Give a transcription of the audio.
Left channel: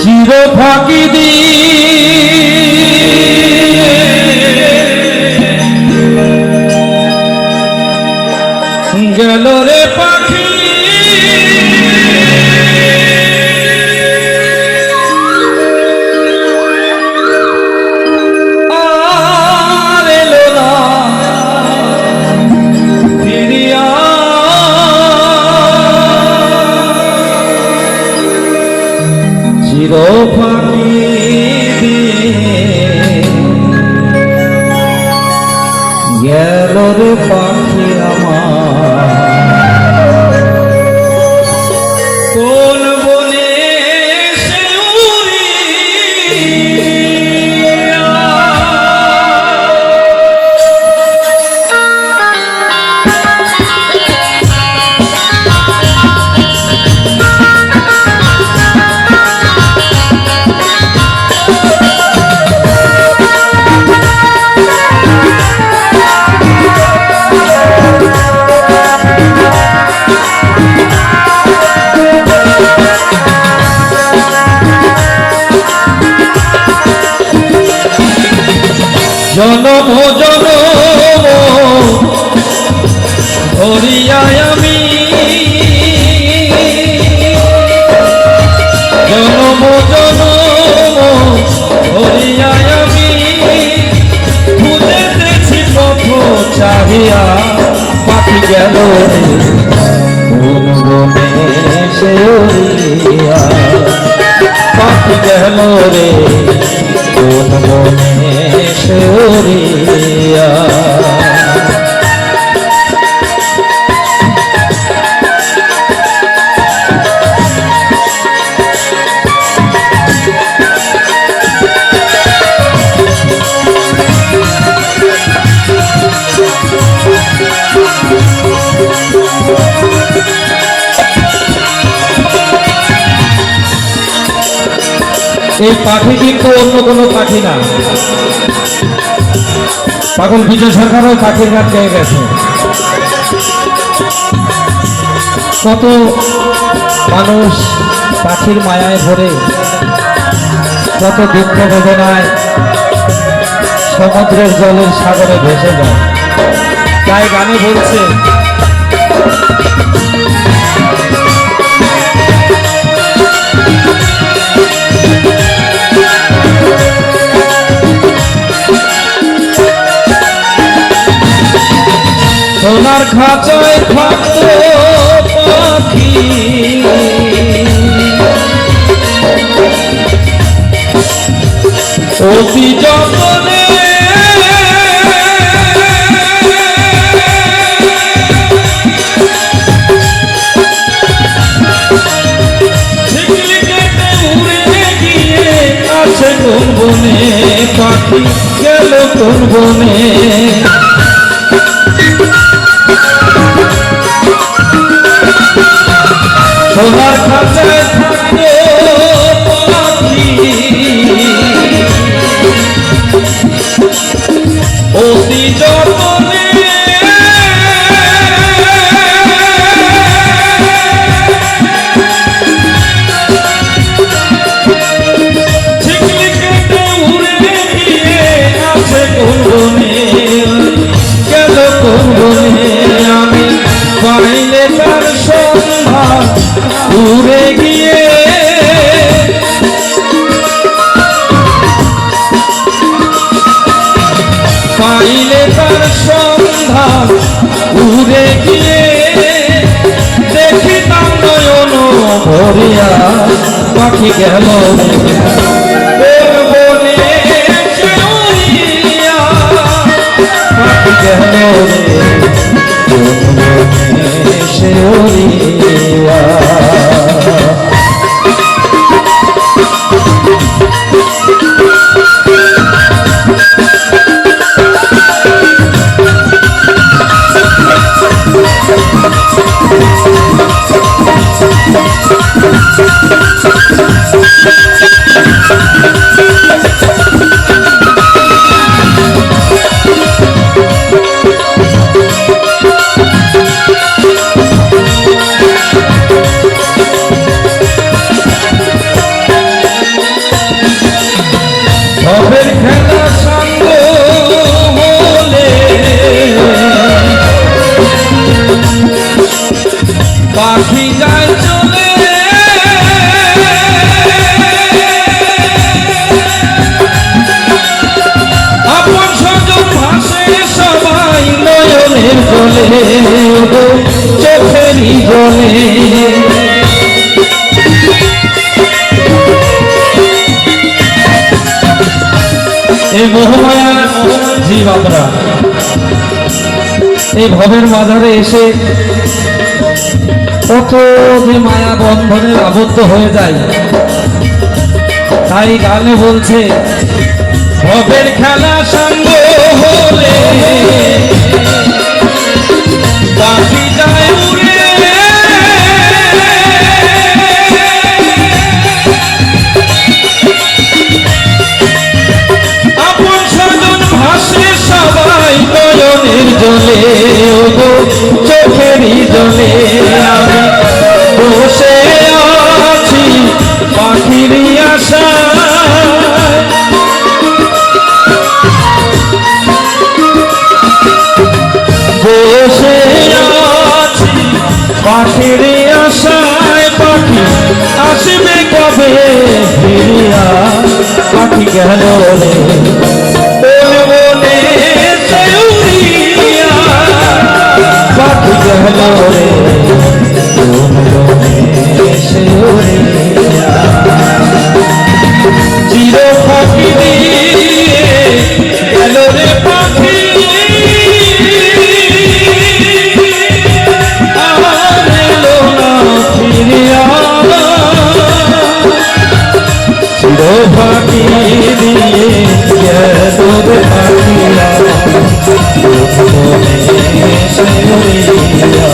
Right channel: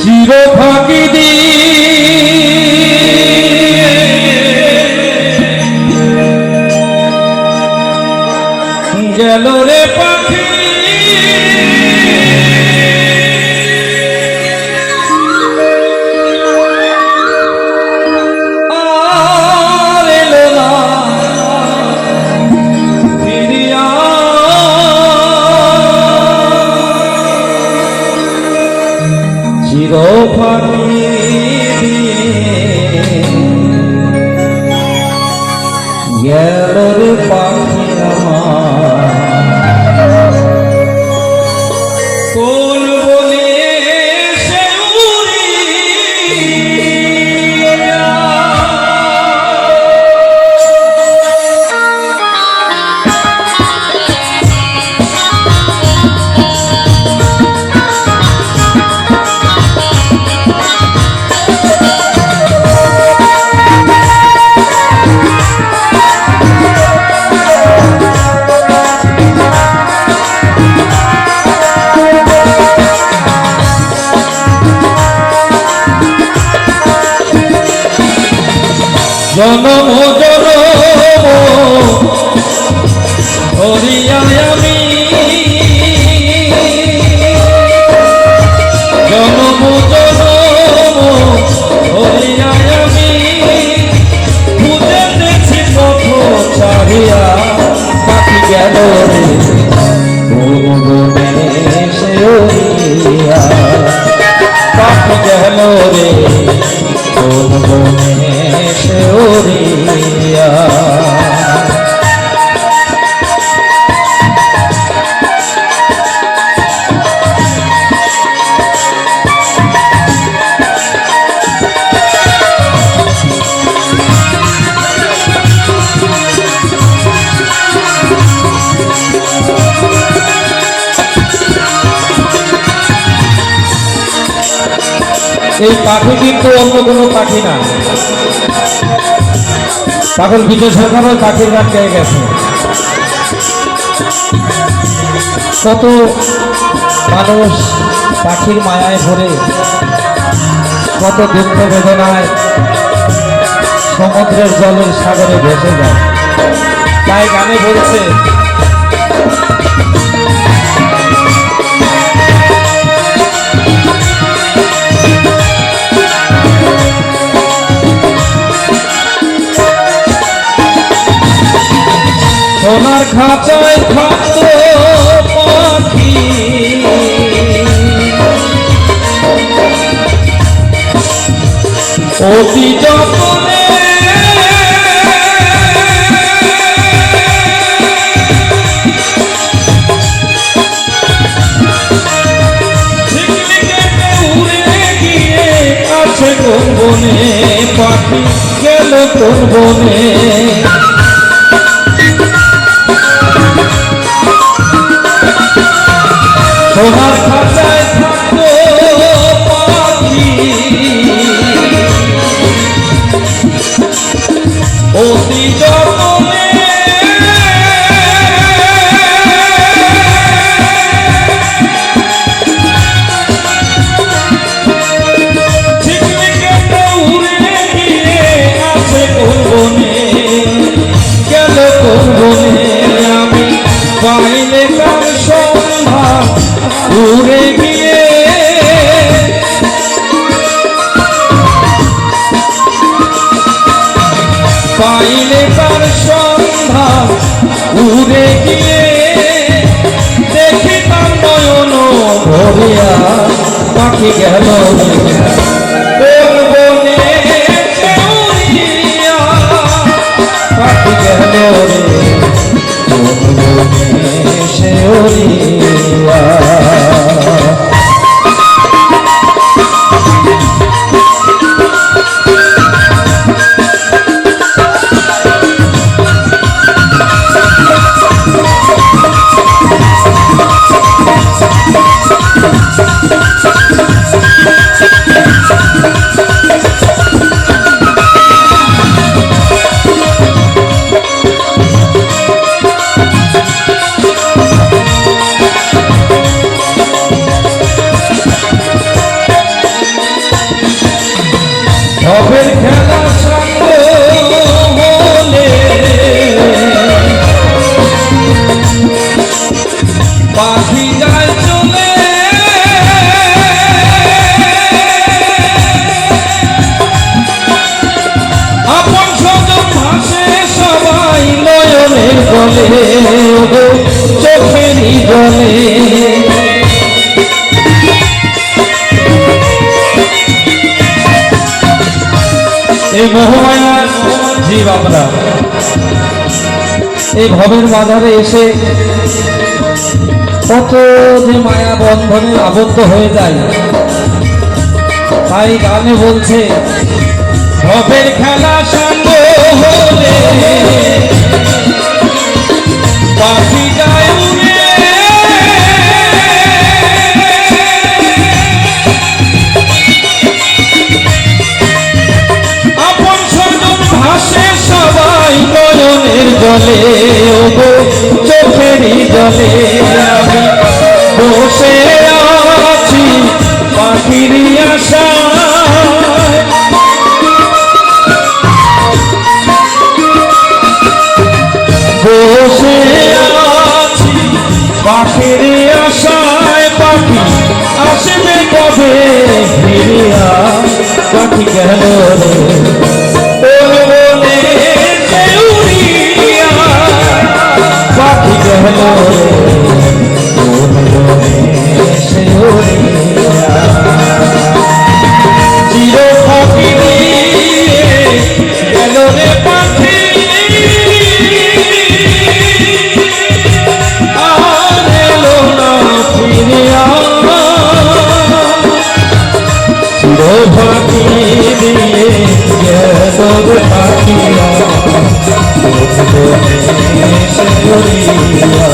চির ফাঁকি দিয়ে গেল রে পাখি আর এলো না ফিরিয়া চির ফাঁকি দিয়ে গেল রে পাখি কোন বনে সে উড়িয়া জনম জনম ধরিয়া আমি জনম জনম ধরিয়া আমি খুঁজেছি পথ চাহিয়া পাখি গেল রে কোন বনে সে উড়িয়া পাখি গেল রে কোন বনে সে উড়িয়া এই পাখি কিন্তু অন্য কোনো পাখি না, পাগল বিজয় সরকারও পাখির গান গেয়ে গেছে। কত মানুষ পাখির মায়ায় ভরে কত দুঃখ বেদনায় সমুদ্রের জলের সাগরে ভেসে যায়। তাই গানে বলছে সোনার খাঁচায় থাকতো পাখি অতি যতনে উড়ে গিয়ে আছে কোন বনে পাখি গেল কোন বনে সোনার খাঁচায় থাকতো পাখি অতি যতনে ঝিকলি কেটে উড়ে গিয়ে আছে কোন বনে গেল কোন বনে আমি পাইলে কার সন্ধান উড়ে গিয়ে পাইলে কার সন্ধান উড়ে গিয়ে দেখি তার নয়ন ভরিয়া পাখি গেল কোন বনে সে উড়িয়া পাখি গেল কোন বনে সে উড়িয়া পাখি যায় চলে আপন স্বজন ভাসে সবাই নয়নের জলে চোখেরই জলে এই মোহমায়া জীব আমরা এই ভবের মাঝারে এসে কত যে মায়া বন্ধনে আবদ্ধ হয়ে যায়। তাই গানে বলছে ভবের খেলা সঙ্গ হলে পাখি যায় উড়ে আপন স্বজন ভাসে সবাই নয়নের জলে ওগো চোখেরই জলে আমি বসে আছি পাখির আশায় বসে আছি পাখির আশায় পাখি আসবে কবে ফিরিয়া পাখি গেল রে বলে বলে সে উড়িয়া পাখি গেল রে বলে বলে সে উড়িয়া চির পাখি দিয়ে গেল রে পাখি আর এলো না ফিরিয়া চির পাখি দিয়ে গেল রে পাখিয়া বলে সে উড়িয়া